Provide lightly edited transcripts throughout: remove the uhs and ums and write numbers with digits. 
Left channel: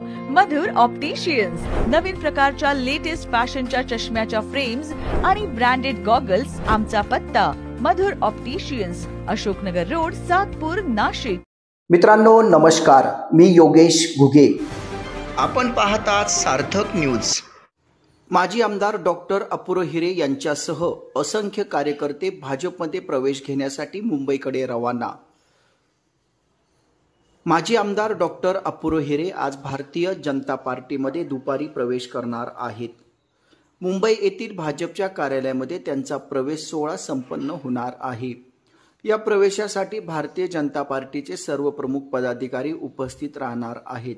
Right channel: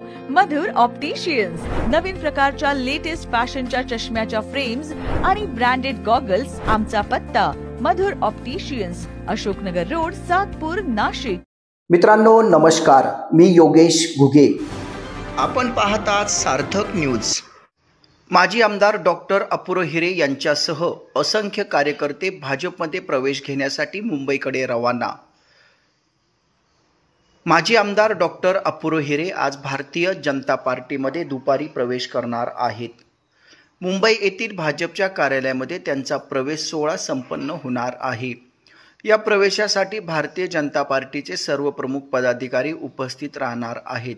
मधुर opticians नवीन प्रकारच्या latest फॅशनच्या चष्म्याच्या frames आणि ब्रँडेड गॉगल्स। आमचा पत्ता मधुर ऑप्टिशियन्स, अशोकनगर रोड, सातपूर, नाशिक। मित्रांनो नमस्कार, मी योगेश घुगे। आपण पाहतात सार्थक न्यूज। माजी आमदार डॉक्टर अपूर्व हिरे यांच्यासह असंख्य कार्यकर्ते भाजपमध्ये प्रवेश घेण्यासाठी मुंबईकडे रवाना। माजी आमदार डॉक्टर अपूर्व हिरे आज भारतीय जनता पार्टीमध्ये दुपारी प्रवेश करणार आहेत। मुंबई येथील भाजपच्या कार्यालयामध्ये त्यांचा प्रवेश सोहळा संपन्न होणार आहे। या प्रवेशासाठी भारतीय जनता पार्टीचे सर्व प्रमुख पदाधिकारी उपस्थित राहणार आहेत।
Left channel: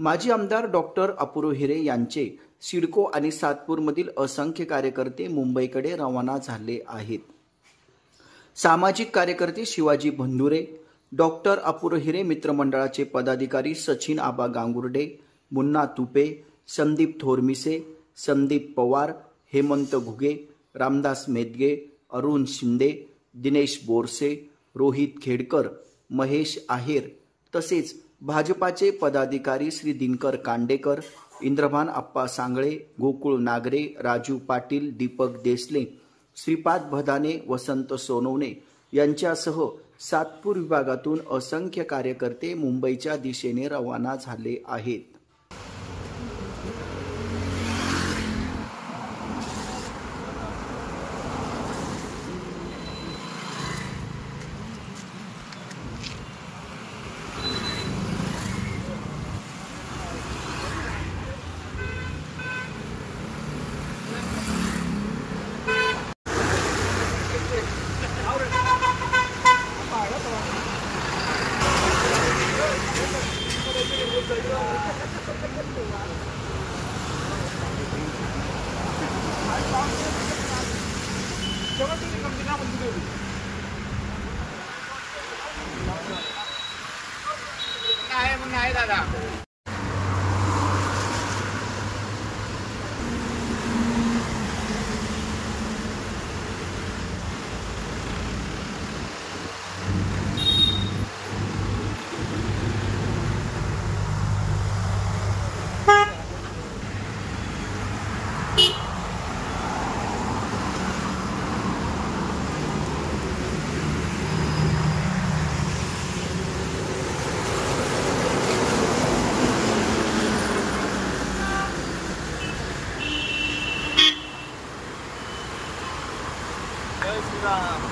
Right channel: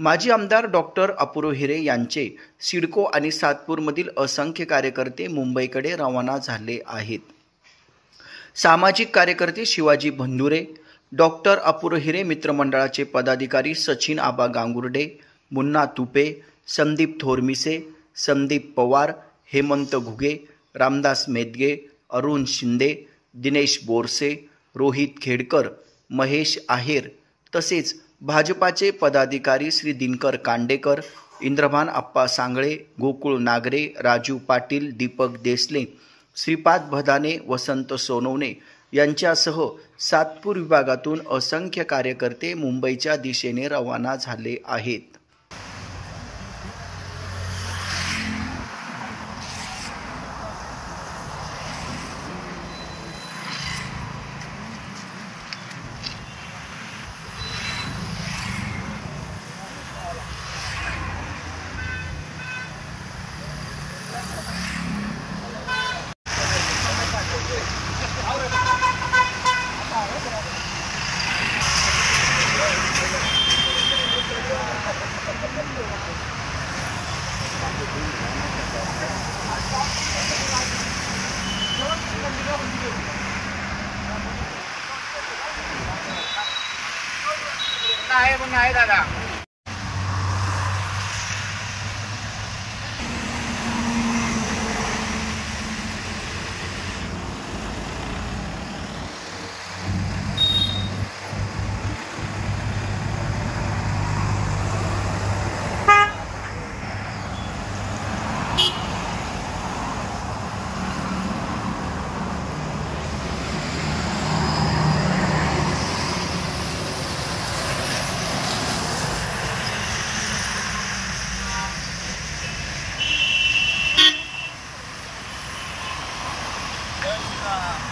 माजी आमदार डॉक्टर अपूर्व हिरे यांचे सिडको आणि सातपूरमधील असंख्य कार्यकर्ते मुंबईकडे रवाना झाले आहेत। सामाजिक कार्यकर्ते शिवाजी बंधुरे, डॉक्टर अपूर्व हिरे मित्रमंडळाचे पदाधिकारी सचिन आबा गांगुर्डे, मुन्ना तुपे, संदीप थोरमिसे, संदीप पवार, हेमंत घुगे, रामदास मेदगे, अरुण शिंदे, दिनेश बोरसे, रोहित खेडकर, महेश आहेर तसेच भाजपाचे पदाधिकारी श्री दिनकर कांडेकर, इंद्रभान आप्पा सांगळे, गोकुळ नागरे, राजू पाटील, दीपक देसले, श्रीपाद भदाने, वसंत सोनवणे यांच्यासह सातपूर विभागातून असंख्य कार्यकर्ते मुंबईच्या दिशेने रवाना झाले आहेत। दादा जय श्रीराम।